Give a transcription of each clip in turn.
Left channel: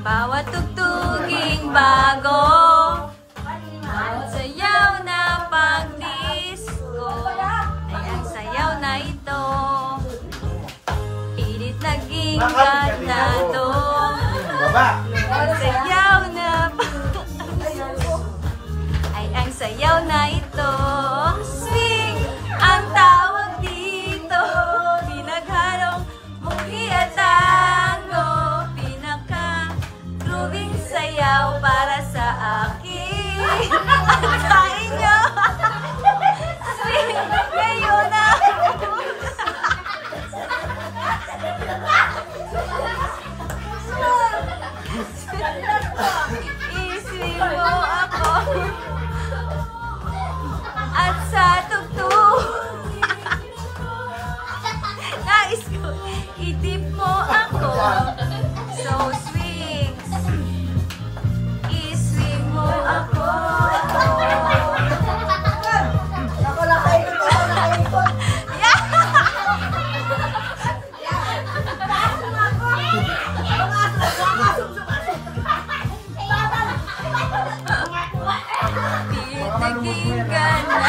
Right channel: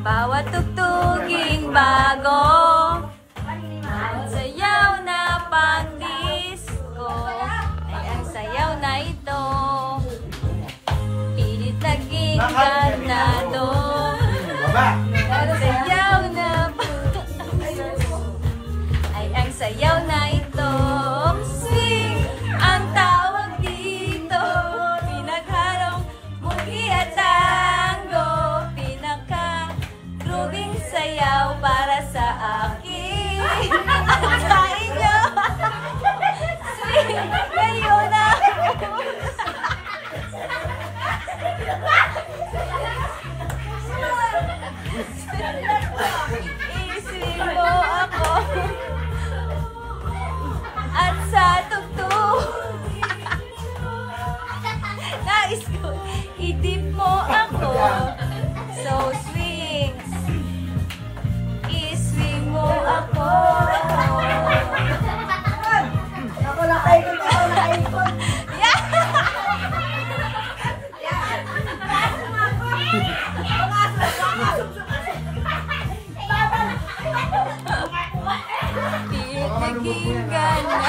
Bawat tugtuging bago, bawat sayaw na pang-disco, ay ang sayaw na ito. Pilit naging ganado, ang sayaw na ay ang sayaw na ito. Swing ang tawag dito, pinaghalong mugi at tango, pinaka-grooving sayaw para sa akin at sa inyo. Swing ngayon na i-swing mo ako at sa tugtog. Nais ko, idip mo ako. So swing, i-swing mo ako. Ako lang kayo, ako lang kayo. Pilit naging gana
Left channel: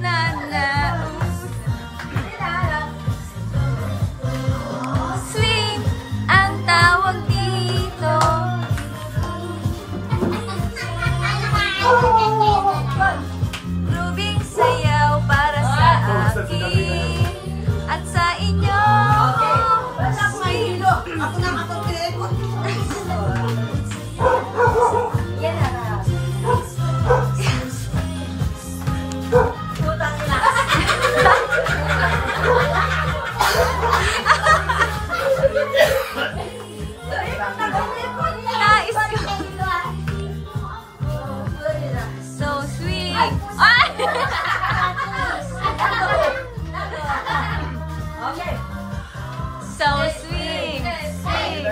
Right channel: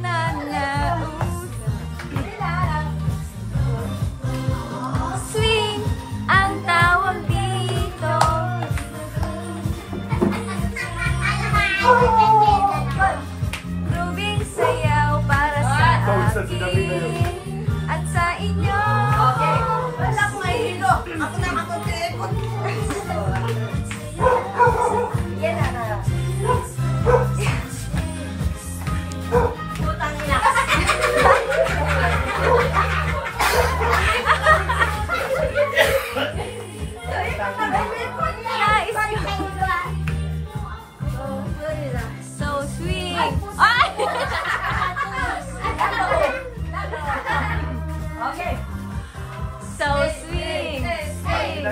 na swing ang tawag dito. Grooving sayaw para sa akin at sa inyo. Wala ko ay hilo. Ako na mag-create mo. Yan na. Putang ina. Nais ko. So swing. Ay! Okay. So swing. Swing.